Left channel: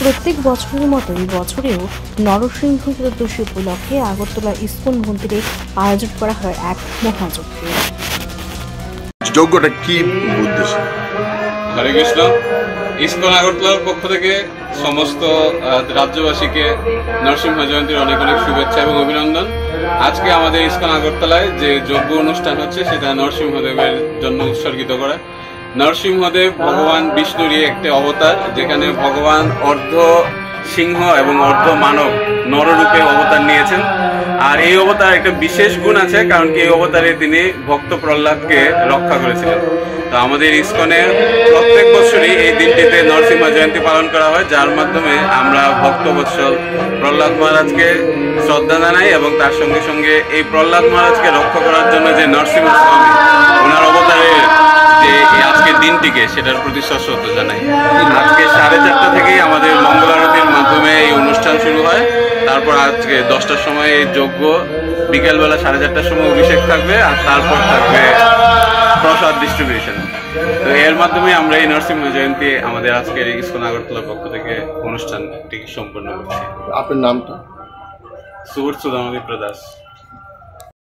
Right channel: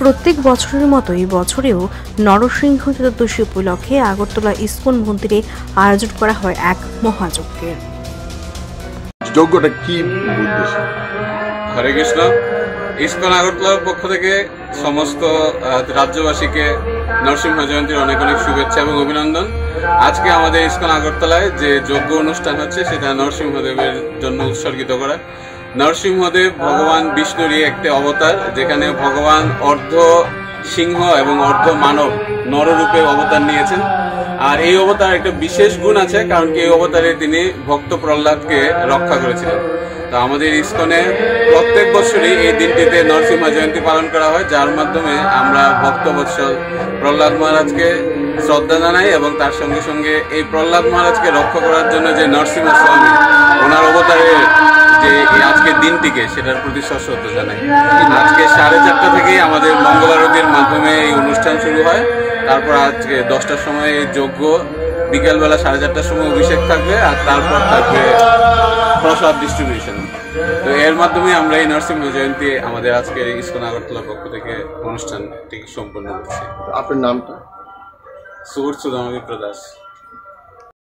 প্রত্যেক বছরের মতো এই বছরেও নরসিংহ চতুর্দশী উপলক্ষে আগরতলা ইসকন মন্দিরে আয়োজন করা হয় এক মহাযজ্ঞের। যজ্ঞটা কি উদ্দেশ্যে? হরে কৃষ্ণ। ইসকন আগরতলার পক্ষ থেকে সমস্ত রাজ্যবাসীকে নরসিংহ জয়ন্তীর অনেক অনেক শুভেচ্ছা এবং অভিনন্দন। আজকে আমাদের ইসকন আগরতলায় যে যজ্ঞ অনুষ্ঠান হচ্ছে সেটা নরসিংহদেবের জন্য উৎসর্গিত করা। নরসিংহদেব ভগবান বিষ্ণুরই একটি অবতার, যেখানে ভগবান অর্ধ সিংহ এবং অর্ধ মানব নররূপে অবতার নিয়েছেন। আর এই অবতার একটা বিশেষ গুণ আছে, কারণ কি এই অবতারে তিনি ভক্ত প্রহ্লাদকে রক্ষা করেছিলেন। তো আমাদের ইসকনে প্রত্যেক বছরই এই দিনটিতে নরসিংহ জয়ন্তী পালন করা হয়, যার মাধ্যমে আমরা ভক্তবৎসল প্রহ্লাদ মহারাজকে শ্রদ্ধা জানাই এবং তার সঙ্গে সঙ্গে এই প্রহ্লাদ মহারাজকে রক্ষা করার জন্য যে নরসিংহ স্বামী ওনার অবতারের যে আজকের দিনটিকে সেটার প্রতি শ্রদ্ধা জানাই। আজকে 4:30 থেকেই আমাদের মঙ্গল আরতির মাধ্যমে এই অনুষ্ঠান শুরু হয়। তারপর আজকে 10টার সময় এই যজ্ঞ, বিকেলবেলা 4:30টার সময় অভিষেক থাকবে, আর তারপর থাকবে প্রসাদ ডিস্ট্রিবিউশন। তো এর মাধ্যমে আমরা এই নরসিংহ জয়ন্তী আমাদের আজকের ইসকন আগরতলার পক্ষ থেকে অনুষ্ঠানটি সম্পন্ন করছি। আপনার নামটা? সুবর্ত দামবিপ্র দাস।